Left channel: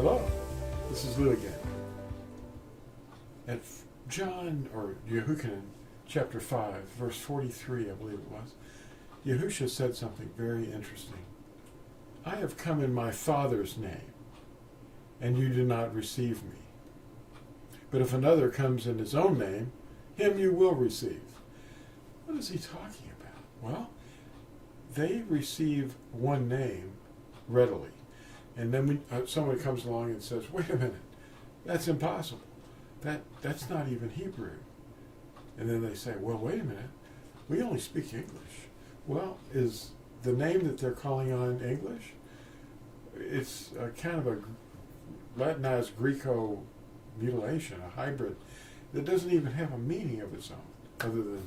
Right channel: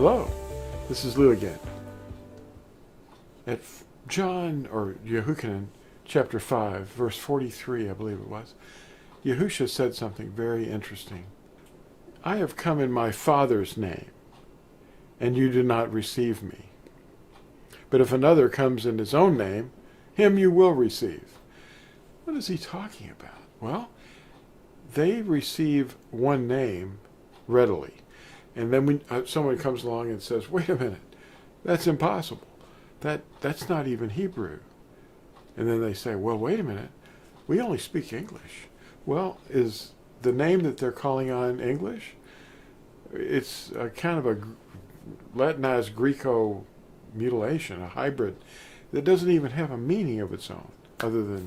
Hello, this is Lew again. At John, or Yehukanan, chapter 5, verse 43, I believe it was, Yahusha said something very interesting. I have come in my Father's name, and you do not receive me. But if another comes in his own name, him you will receive. What is he talking about? Well, they receive one name readily. And then when someone comes along and says, wait a minute, that's impossible. That's not even Hebrew. And then they say, well, wait a minute, we only speak English. Well, is the name that they're calling on English? It's a kind of a Latinized Greco-mutilation, a hybrid that doesn't even have a meaning of its own, other than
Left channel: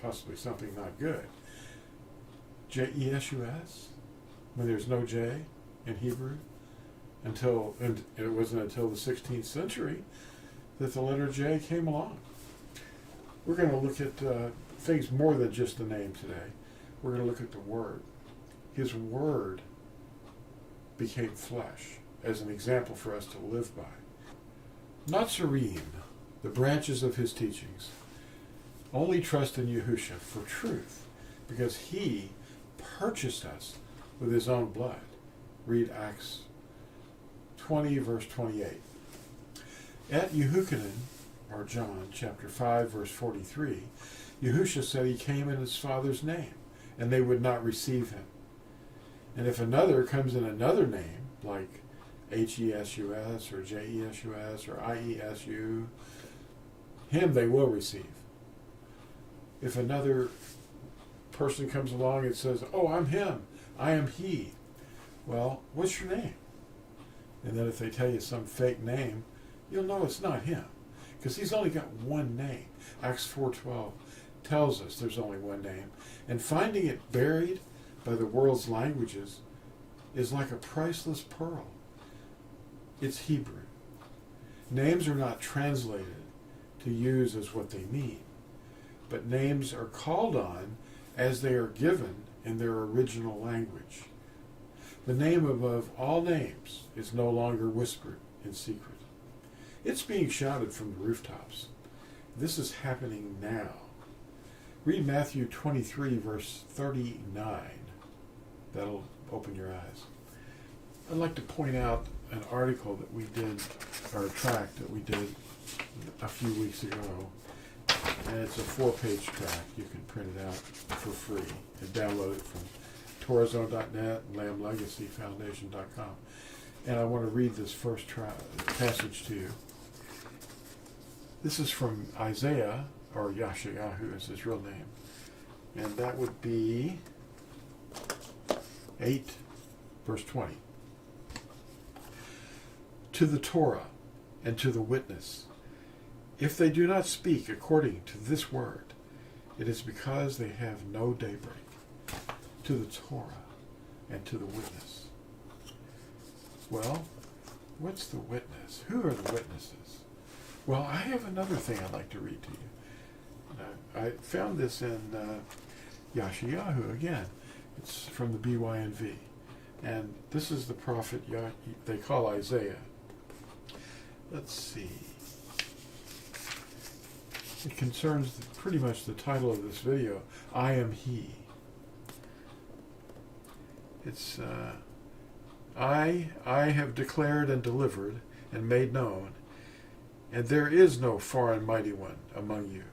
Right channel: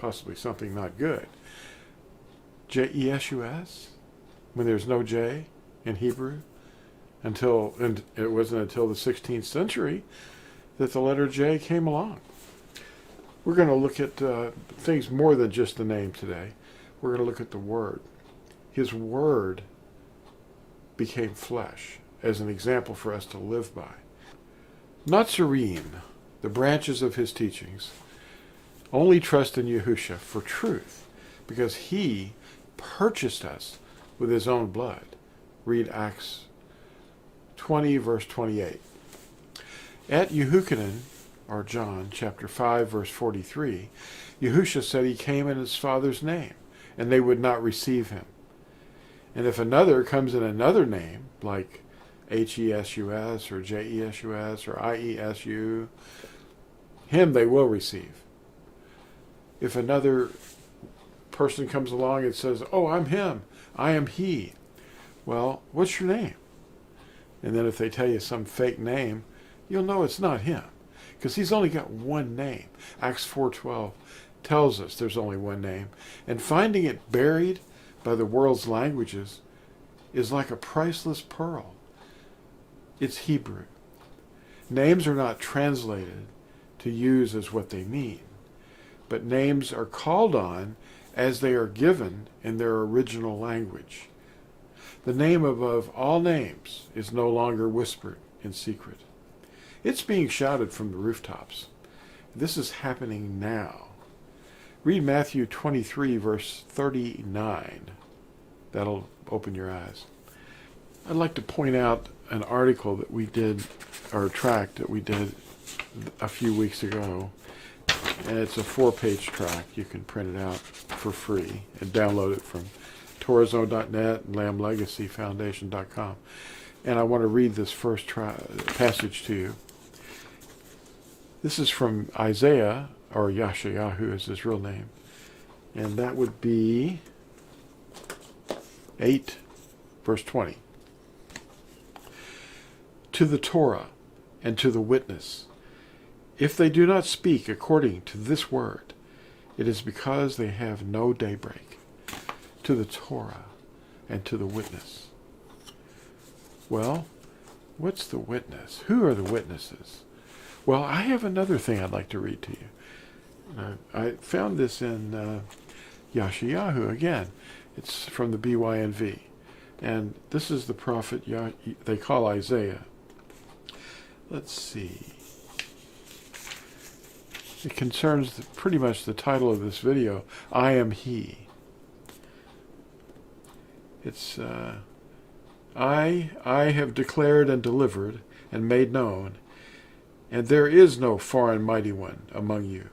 possibly something not good. J-E-S-U-S, when there's no J in Hebrew, and it wasn't until the 16th century that the letter J came along. We're going to look at things more than just the name today. We're going to look at the Word. His Word became flesh as an example for us to live by. Nazarene, the branches of his teachings, only trust in Yahusha for truth, because he purchased us with his own blood. Read Acts 20, verse 28. At Yehukanan, or John, chapter 5, verse 43, Yahusha said he came in his Father's name, and they would not receive him. And if another comes in another name, like H-E-S-U-S, or J-E-S-U-S, or I-E-S-U, him they will receive. If another person comes along and says, oh, I'm him, I am he, well, what's your name? And then if they tell you some fake name, you'll know it's not him, because he's only got one name. Acts 4:12 tells us there's only one name. And finding it buried by the world's languages is like a priceless pearl. It's Hebrew. Names are not translated to use as what they mean, but names are called on as they are given in their original language. The name above all names is no longer whispered in secret. It's being shouted from the rooftops. This is happening now. Read Matthew 23, verse 39. That'll open your eyes. I'd like to point out an article that we did, or a tract that we did a few weeks ago. And it's a 4-page tract. You can print it out for free and download it from Torazone.net and LambLegacyFoundation.com. And I want to read this first passage to you. This is from Isaiah, or Yashayahu is his real name. And that would be 8, verse 20. To the Torah and to the witness, if they do not speak according to this word, it is because they have no daybreak. To the Torah and to the witness. Well, what's the witness? Who are the witnesses? Well, I have another thing I'd like to read to you. I found this in Yashayahu again. It's from the BYNV. And this is the prophet they call Isaiah. Let's see. It concerns pretty much the title of this video, I am he. It's, I have declared and delivered and made known, and there is no foreign mighty one among you.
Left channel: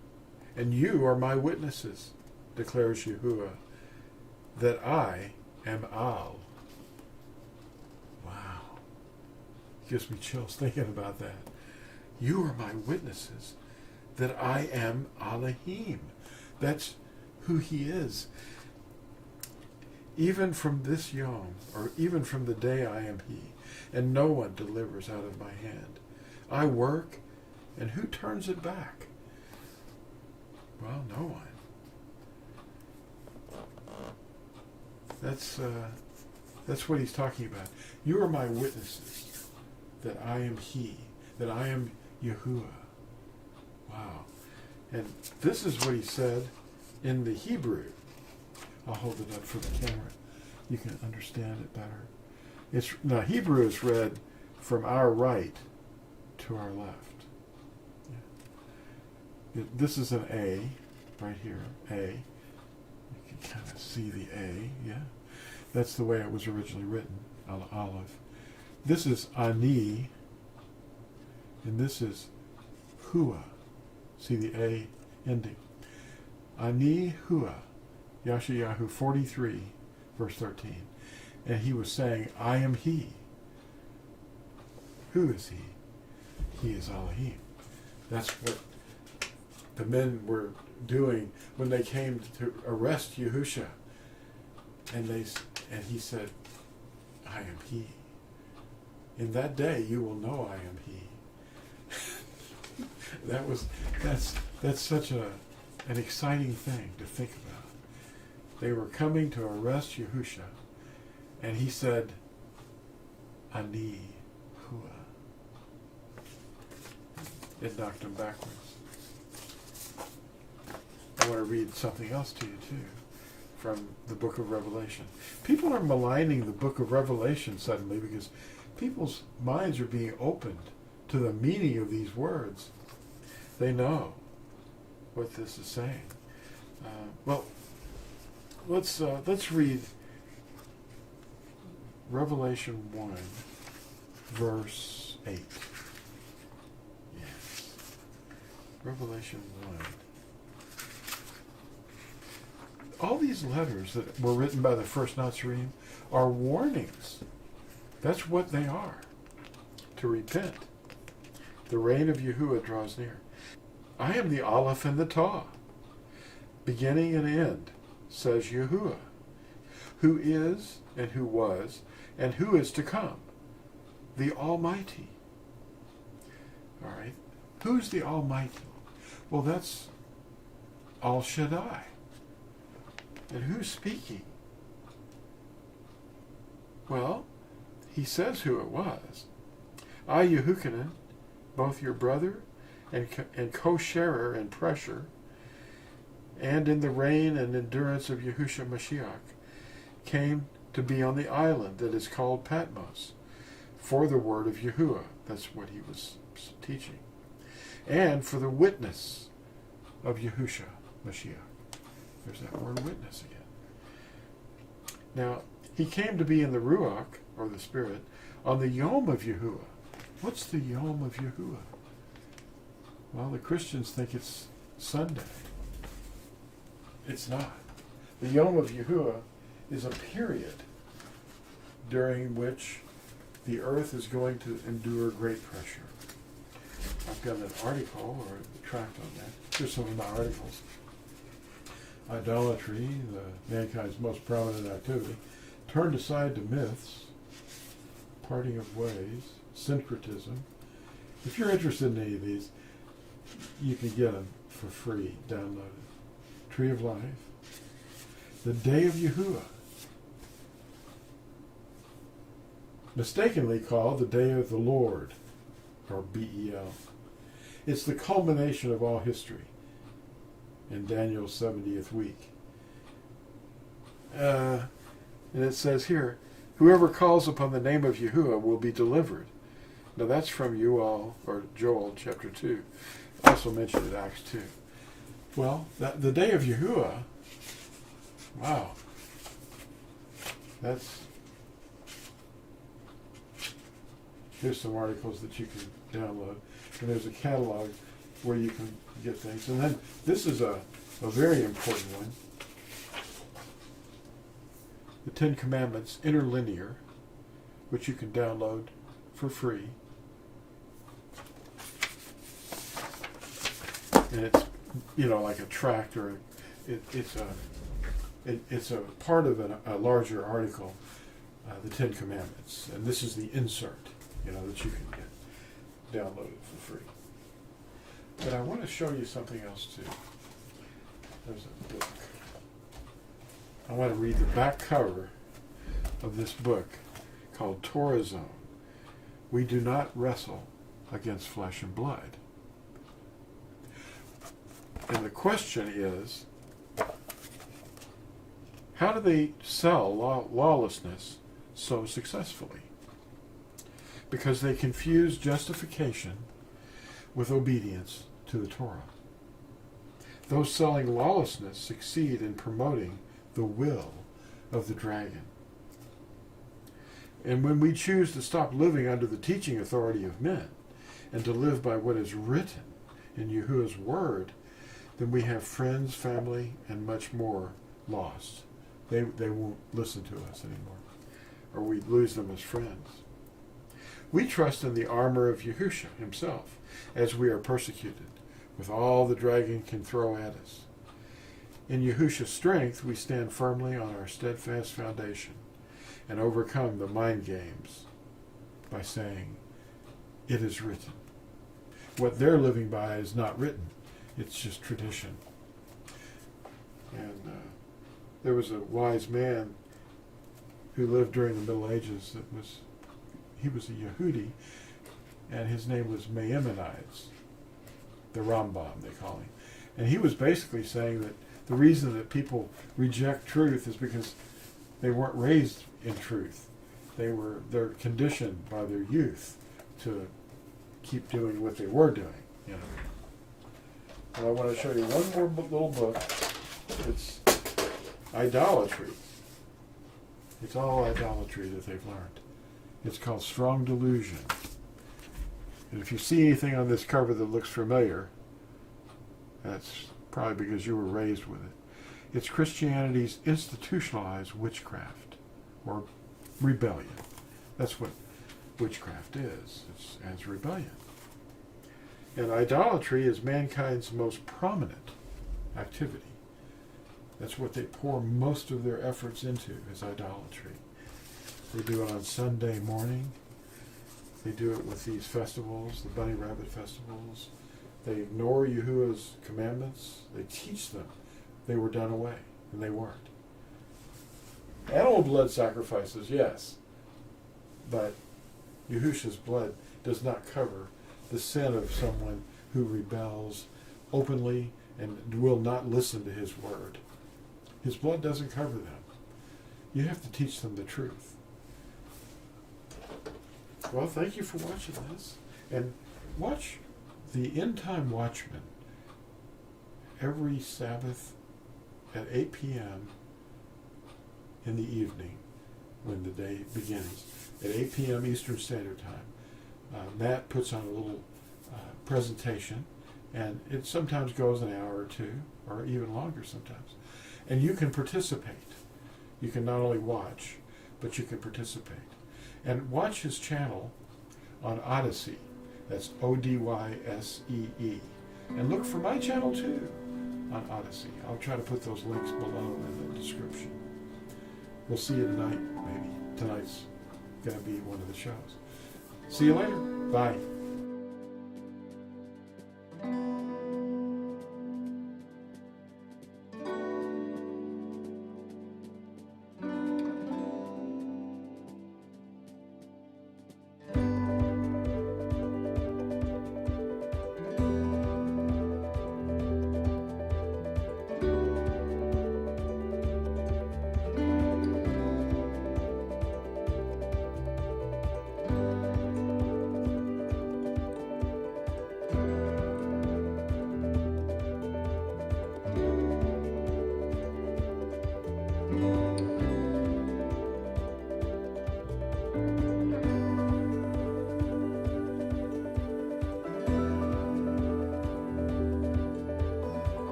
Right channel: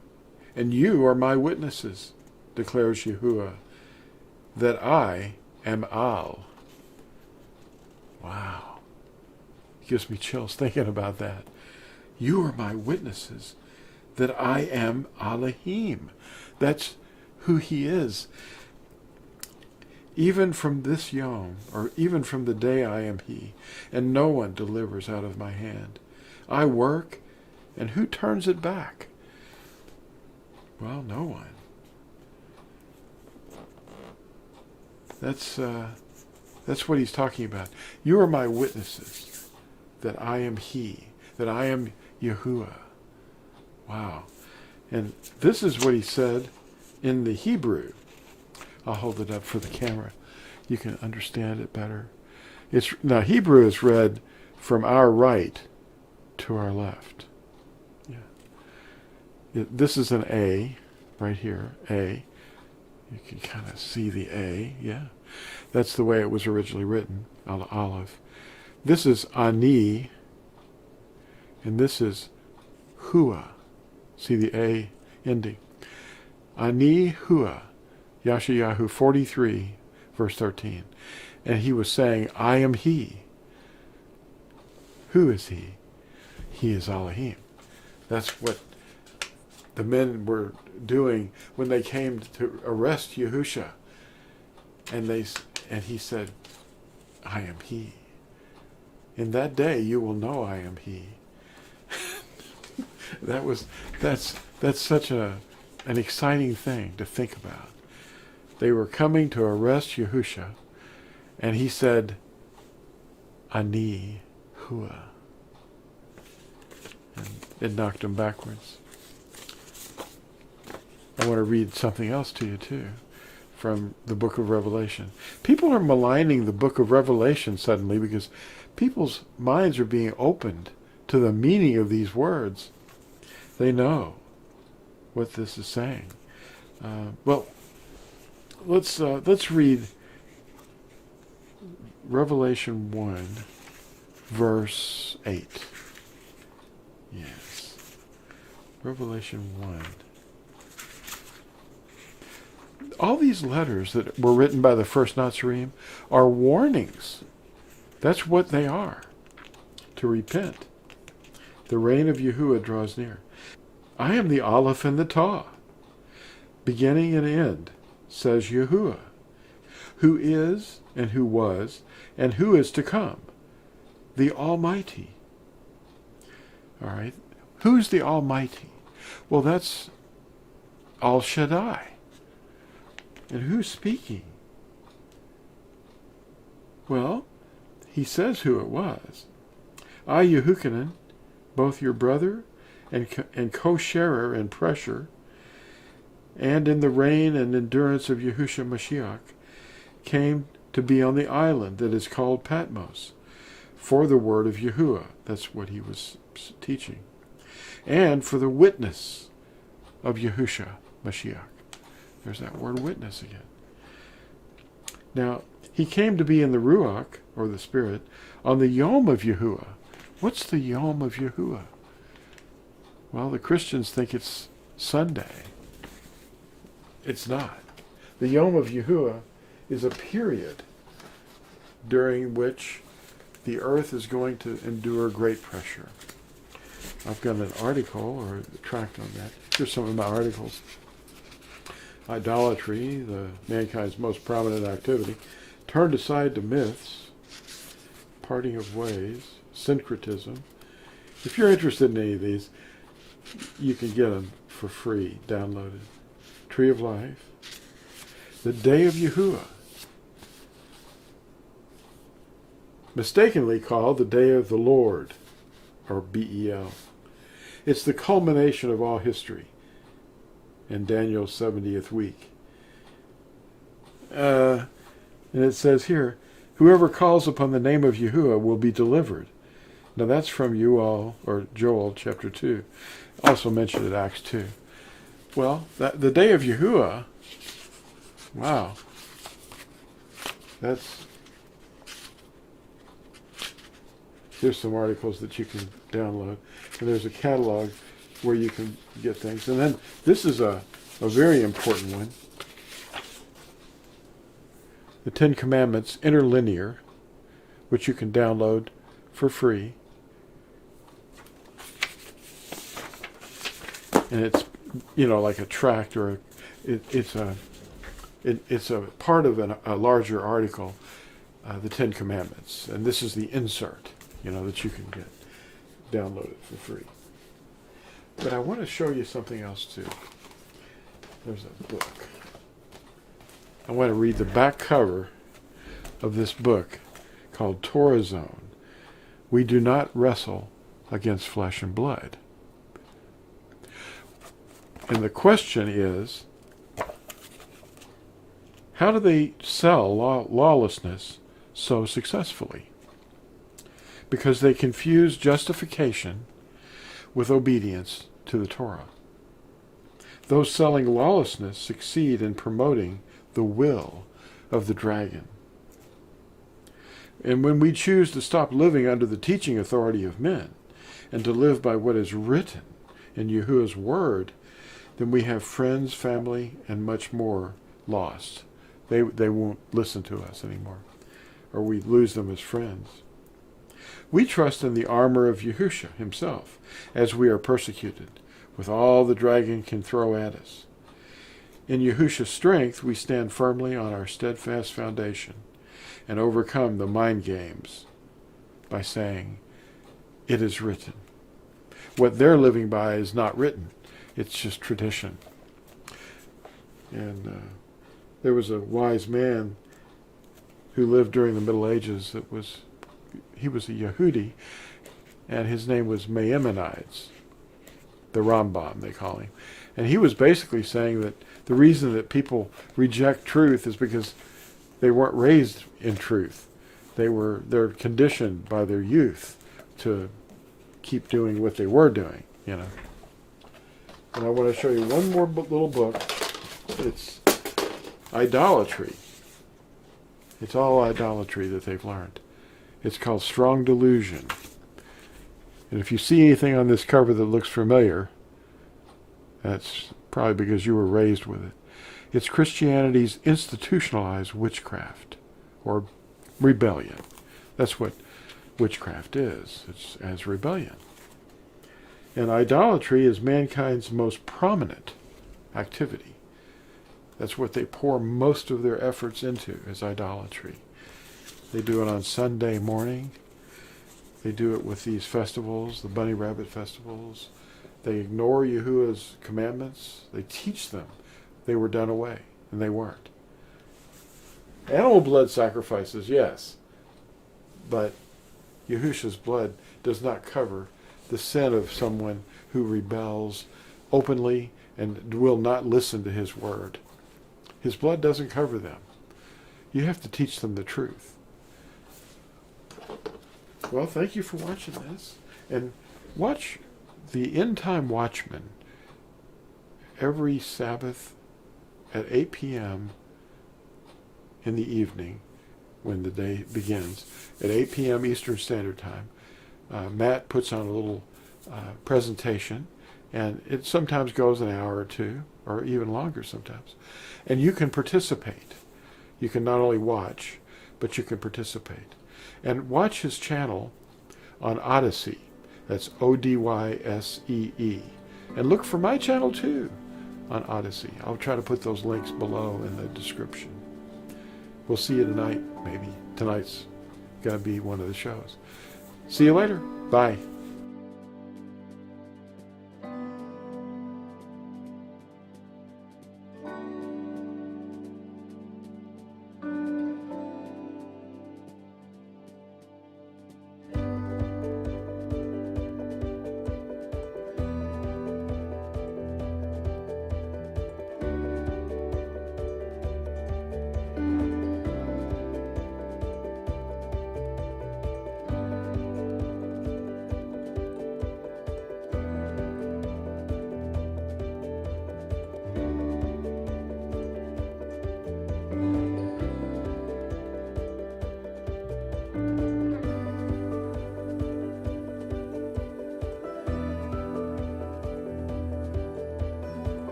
And you are my witnesses, declares Yahuwah, that I am Al. Wow. It gives me chills thinking about that. You are my witnesses, that I am Alahim. That's who he is. Even from this yom, or even from the day I am he, and no one delivers out of my hand. I work, and who turns it back? Well, no one. That's what he's talking about. You are my witnesses, that I am he, that I am Yahuwah. Wow. And this is what he said in the Hebrew. I'll hold it up for the camera. You can understand it better. Now, Hebrew is read from our right to our left. Yeah. This is an A right here, A. You can kind of see the A, yeah. That's the way it was originally written, Aleph. This is Ani, and this is Hua. See the A ending. Ani Hua, Yeshayahu 43, verse 13. And he was saying, I am he. Who is he? He is Alahim. That's what the men were doing when they came to arrest Yahusha. And he said, I am he. In that day you will know I am he. That's such an exciting thing to think about. They were coming to arrest Yahusha, and he said, Ani Hua. And it knocked him backwards. I want to read something else to you too, from the book of Revelation. People are maligning the book of Revelation suddenly because people's minds are being opened to the meaning of these words. They know what this is saying. Let's read Revelation 1, verse 8. Yes. Revelation 1. All these letters that were written by the first Nazarene are warnings. That's what they are. To repent. The reign of Yahuwah draws near. I am the Aleph and the Tah, beginning and end, says Yahuwah, who is and who was and who is to come, the Almighty. All right. Who's the Almighty? Well, that's Al Shaddai. And who's speaking? Well, he says who it was. I, Yehukanan, both your brother and co-sharer in pressure, and in the reign and endurance of Yahusha Mashiach, came to be on the island that is called Patmos, for the word of Yahuwah. That's what he was teaching. And for the witness of Yahusha Mashiach. There's that word witness again. Now, he came to be in the Ruach, or the Spirit, on the Yom of Yahuwah. What's the Yom of Yahuwah? Well, the Christians think it's Sunday. It's not. The Yom of Yahuwah is a period during which the earth is going to endure great pressure. I've got an article or a tract on that. Here's some of my articles. Idolatry, mankind's most prominent activity, turned aside to myths, parting of ways, syncretism. If you're interested in any of these, you can get them for free, downloaded. Tree of Life, the Day of Yahuwah, mistakenly called the Day of the Lord, or Bel. It's the culmination of all history in Daniel's 70th week. And it says here, whoever calls upon the name of Yahuwah will be delivered. Now that's from Joel chapter 2. Also mentioned in Acts 2. Well, the day of Yahuwah, wow. Here's some articles that you can download. And there's a catalog where you can get things. And then this is a very important one. The Ten Commandments Interlinear, which you can download for free. And it's, like a tract, or it's a part of a larger article, the Ten Commandments. And this is the insert, that you can get downloaded for free. But I want to show you something else too. There's a book. I want to read the back cover of this book called Torah Zone. We do not wrestle against flesh and blood. And the question is, how do they sell lawlessness so successfully? because they confuse justification with obedience to the Torah. Those selling lawlessness succeed in promoting the will of the dragon. And when we choose to stop living under the teaching authority of men and to live by what is written in Yahuwah's word, then we have friends, family, and much more lost. They won't listen to us anymore, or we lose them as friends. We trust in the armor of Yahusha himself as we are persecuted, with all the dragon can throw at us. In Yahusha's strength, we stand firmly on our steadfast foundation and overcome the mind games by saying, it is written. What they're living by is not written. It's just tradition. And there was a wise man who lived during the Middle Ages he was a Yehudi, and his name was Maimonides, the Rambam, they call him. And he was basically saying that the reason that people reject truth is because they weren't raised in truth. They're conditioned by their youth to keep doing what they were doing, And I want to show you one more little book. It's idolatry. It's all idolatry that they've learned. It's called Strong Delusion. And if you see anything on this cover that looks familiar, that's probably because you were raised with it. It's Christianity's institutionalized witchcraft, or rebellion. That's what witchcraft is. It's as rebellion. And idolatry is mankind's most prominent activity. That's what they pour most of their efforts into, is idolatry. They do it on Sunday morning. They do it with these festivals, the bunny rabbit festivals. They ignore Yahuwah's commandments. They teach them they were done away, and they weren't. Animal blood sacrifices, yes, but Yahusha's blood does not cover the sin of someone who rebels openly and will not listen to his word. His blood doesn't cover them. You have to teach them the truth. Well, thank you for watching this. And watch the End Time Watchman every Sabbath at 8 p.m. in the evening when the day begins. At 8 p.m. Eastern Standard Time. Matt puts on a little presentation, and it sometimes goes an hour or two, or even longer sometimes. And you can participate. You can not only watch, but you can participate. And watch his channel on Odyssey. That's Odyssee. And look for my channel too on Odyssey. I'll try to put those links below in the description. We'll see you tonight, maybe. Tonight's going to be one of the shows. See you later. Bye.